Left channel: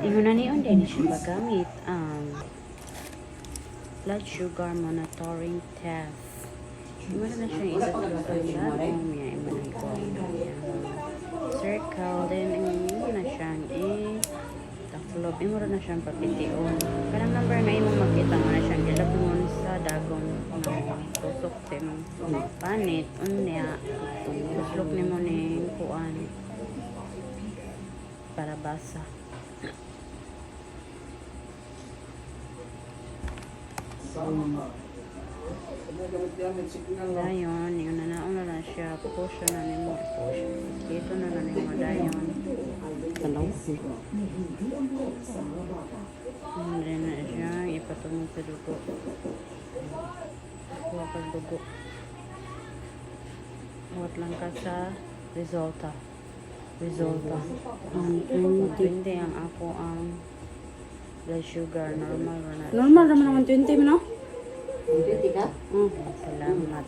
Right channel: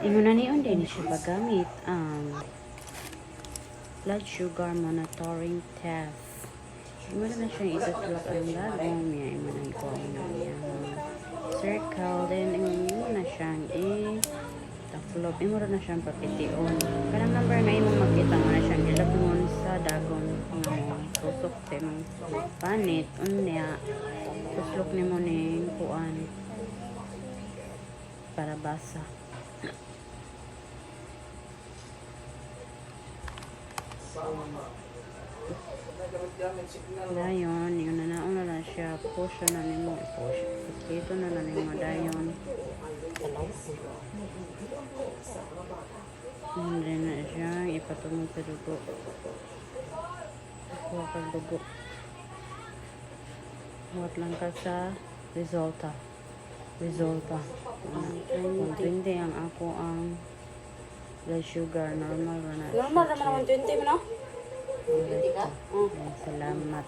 Ingon na niyon din siya magamit ang blood sugar monitoring test. Imo na siya ituslog ang dagom niya, imo na ikuha na niya circle, then imo na siyang taklob, imo na siyang papitiun. Kanang number nga imong makita mo na siyang gilabngon sa dagon nga mo tusok sa imong panit unya tuslok nimo ning kuan para basa. Dayon, yun na nauna na siya. Push na nimo. Push. Ito na na nimo. Dayon. Ano? Hindi na siya. Ipatungod sa dugo. Kuha ka dugo. Huwag lang ka sa resulta. 120 ang ako ang blood sugar. Normal na. Normal naman 120 mo, no? Okay, salamat.